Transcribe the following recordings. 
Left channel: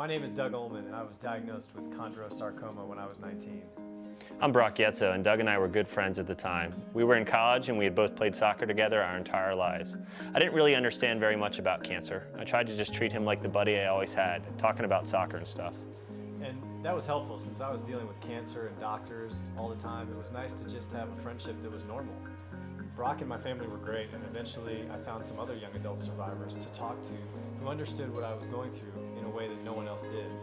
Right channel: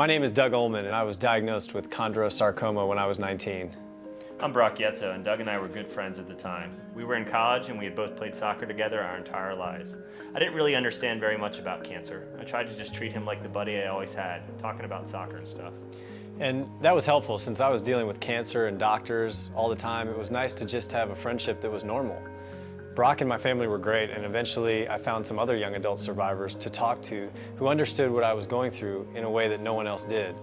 My name is Doug Ullman, and I was diagnosed with chondrosarcoma when I was 19. I'm Brock Yetzo, and Doug and I were good friends at the time. We were in college and we had both played soccer together our entire lives. I didn't really understand very much about cancer. I tried to just treat him like the buddy I always had, talking about soccer and stuff. And that was helpful since I was dealing with cancer and doctors all the time. It was nice to just have a friendship that was normal. Brock and my family were great, and eventually I found some other young adult survivors to talk to who understood what I was going through in a way that no one else did.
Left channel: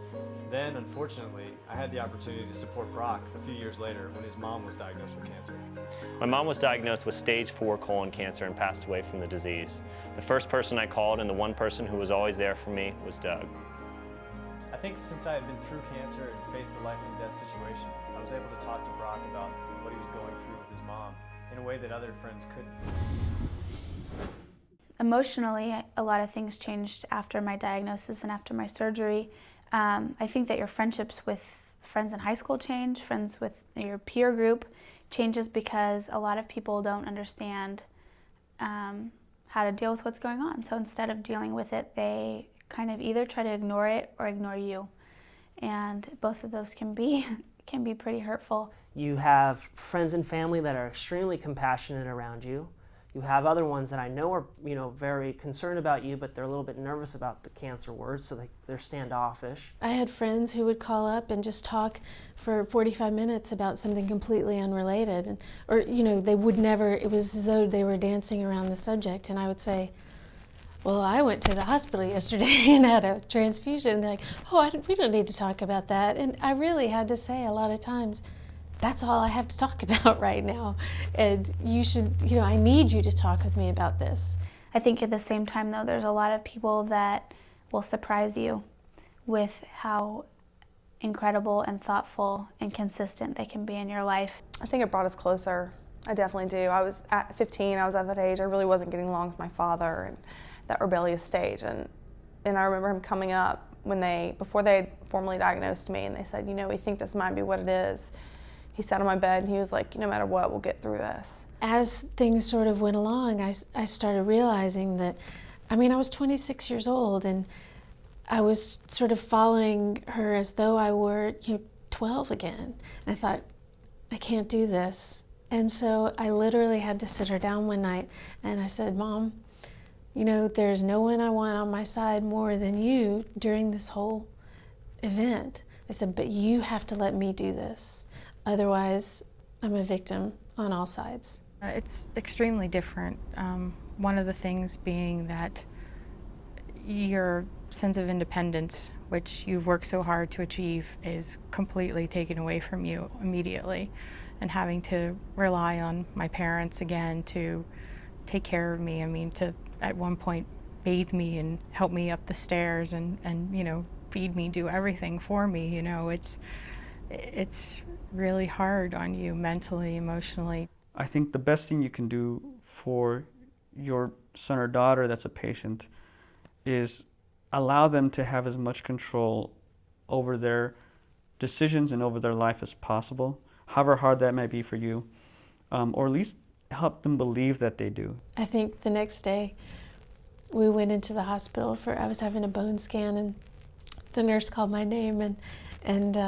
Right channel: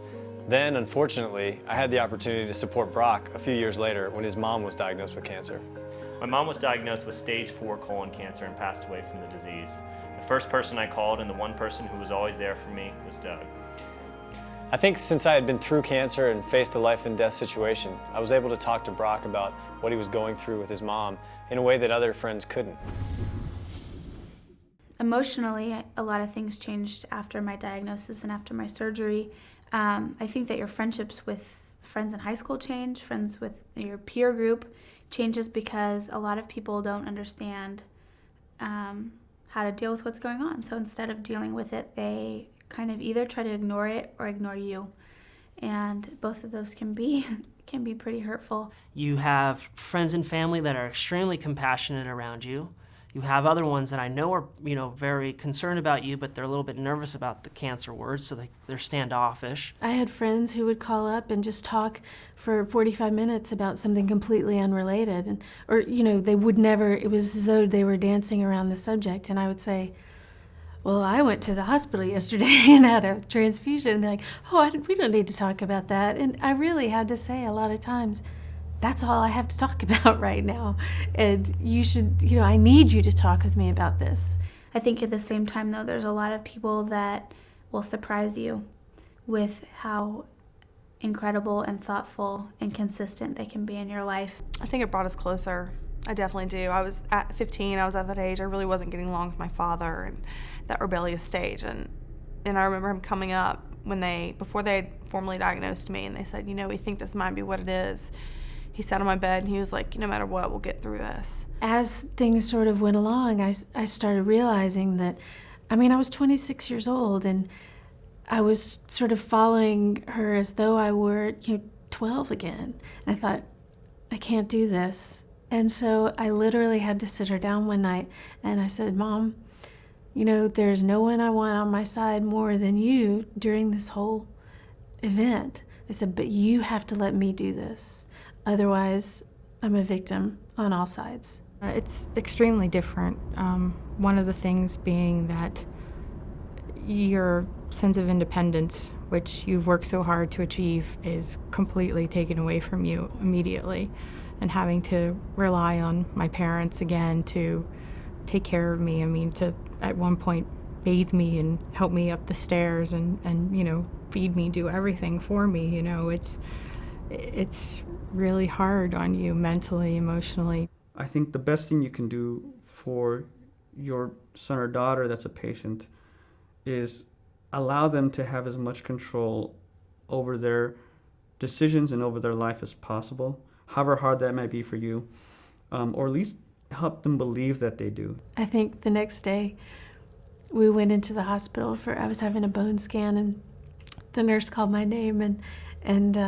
Then, unfortunately, I had the opportunity to support Brock a few years later when his mom was diagnosed with cancer. My mom was diagnosed with stage 4 colon cancer and passed away from the disease. The first person I called and the one person who was always there for me was Doug. I think since I had been through cancer and faced a life and death situation, I was able to talk to Brock about what he was going through with his mom in a way that other friends couldn't. Emotionally, a lot of things changed after my diagnosis and after my surgery. I think that your friendships with friends in high school change, friends with your peer group changes because a lot of people don't understand how to deal with what's going on. So instead of dealing with it, they kind of either try to ignore it or ignore you. And both of those can be pretty hurtful. You have friends and family that are extremely compassionate around you. You have other ones that I know are, very concerned about you, but they're a little bit nervous about the cancer words, so they're standoffish. I had friends who would call up and just talk for 45 minutes about something completely unrelated, or they would never. It was as though they were dancing around the subject, and I would say, "Well, I went to the hospital yesterday and had a transfusion." And they're like, "Oh, we don't need to talk about that." And I really had to say a lot of times, that's all I have to talk about right now. And you should, I need you to talk with me about this. I think at the same time, though, there's a lot of people that will surprise you with how incredible and thoughtful and consistent they can be in your life. I think it brought us closer. I definitely do. I was at 15, I was at that age. I really wasn't getting along with my father and that rebellious stage. And I remember him coming up before they had formally diagnosed me, and they said, we think this might be what it is. He sat on my bed and he was like, no matter what, we'll get through this. As things sort of went along, I started realizing that, I was 26 years old, and I was sort of following her as though I were 12 again. And I thought, I can't do this. And so I literally had to sit her down one night and I said, "Mom, there's no one I want on my side more than you during this whole event." I said, "But you have to let me do this. Otherwise, I'm a victim on all sides." It's extremely different. One of the things being that your sense of independence, which you've worked so hard to achieve, is completely taken away from you immediately. And having to rely on my parents again to take care of me. To at one point bathe me and help me up the stairs and feed me, do everything for me. It's really hard on you mentally, emotionally. I think the best thing you can do for your son or daughter that's a patient is allow them to have as much control over their decisions and over their life as possible, however hard that might be for you, or at least help them believe that they do. I think the next day we went into the hospital I was having a bone scan, and the nurse called my name, and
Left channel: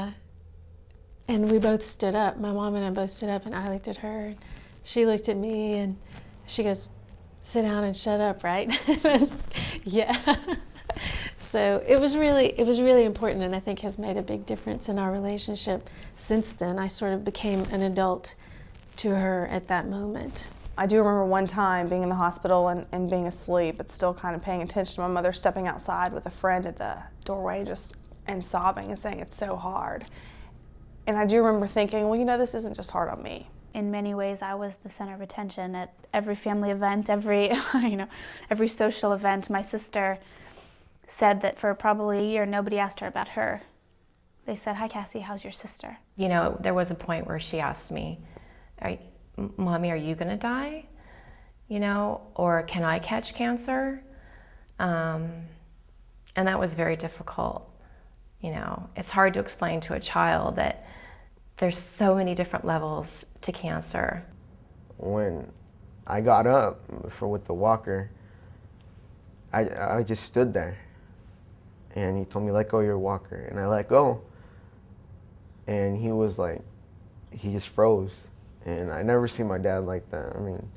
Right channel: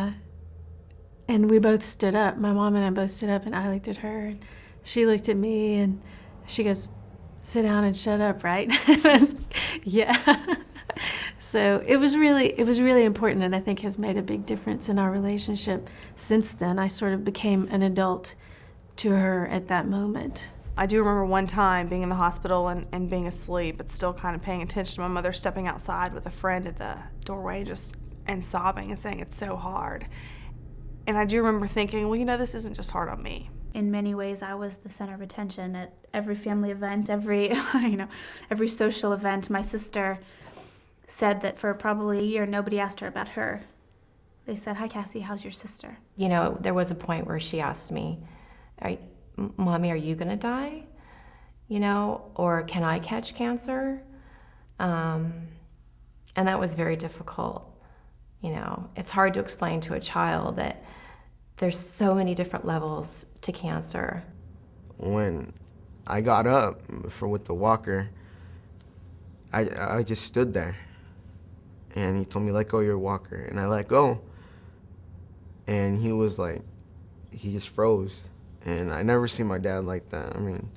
we both stood up. My mom and I both stood up, and I looked at her, and she looked at me, and she goes, "Sit down and shut up," right? Yeah. So it was really important, and I think has made a big difference in our relationship. Since then, I sort of became an adult to her at that moment. I do remember one time being in the hospital and being asleep, but still kind of paying attention to my mother stepping outside with a friend at the doorway and sobbing and saying it's so hard. And I do remember thinking, well, this isn't just hard on me. In many ways, I was the center of attention at every family event, every social event. My sister said that for probably a year, nobody asked her about her. They said, "Hi, Cassie, how's your sister?" There was a point where she asked me, "Mommy, are you going to die? Or can I catch cancer?" And that was very difficult. It's hard to explain to a child that there's so many different levels to cancer. When I got up with the walker, I just stood there. and he told me, let go of your walker. And I let go. And he was like, he just froze. And I never seen my dad like that. I mean,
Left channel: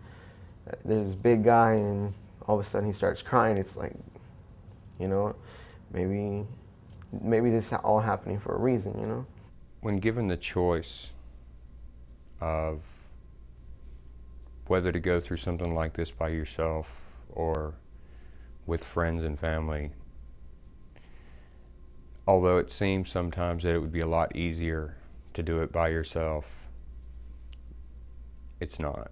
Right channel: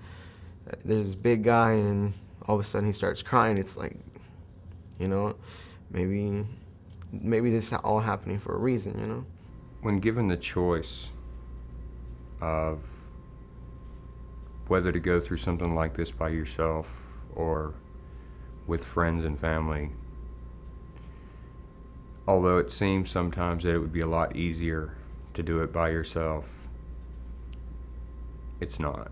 there's this big guy and all of a sudden he starts crying. It's like, you know, maybe this is all happening for a reason, you know? When given the choice of whether to go through something like this by yourself or with friends and family, although it seems sometimes that it would be a lot easier to do it by yourself, it's not.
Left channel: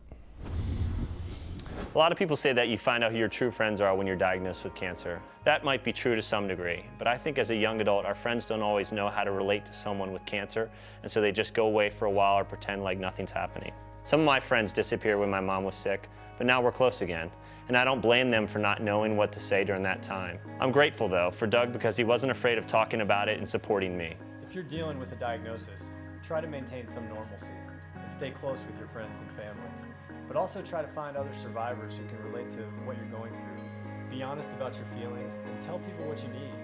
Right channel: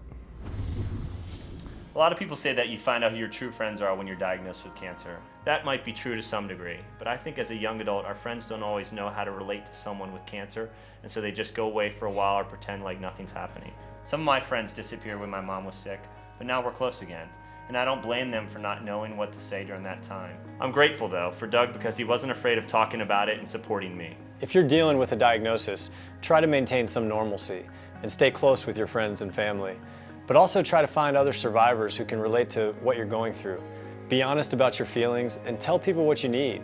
A lot of people say that you find out who your true friends are when you're diagnosed with cancer. That might be true to some degree, but I think as a young adult, our friends don't always know how to relate to someone with cancer, and so they just go away for a while or pretend like nothing's happening. Some of my friends disappeared when my mom was sick, but now we're close again, and I don't blame them for not knowing what to say during that time. I'm grateful though for Doug because he wasn't afraid of talking about it and supporting me. If you're dealing with a diagnosis, try to maintain some normalcy and stay close with your friends and family. But also try to find other survivors who can relate to what you're going through. Be honest about your feelings and tell people what you need.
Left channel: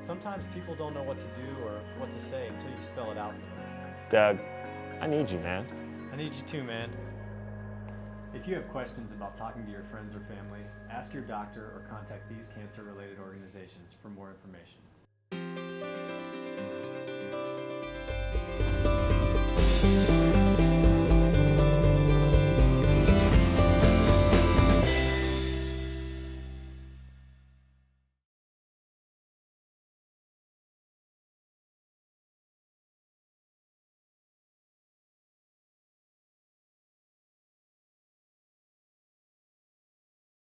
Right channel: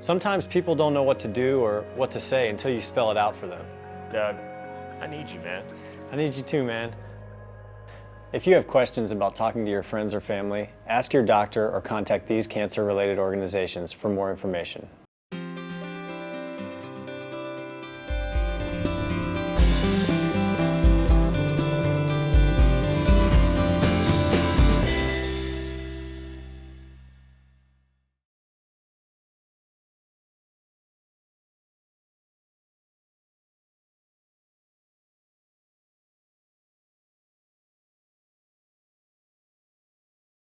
Sometimes people don't know what to do or what to say until you spell it out for them. Doug, I need you, man. I need you too, man. If you have questions about talking to your friends or family, ask your doctor or contact these cancer-related organizations for more information.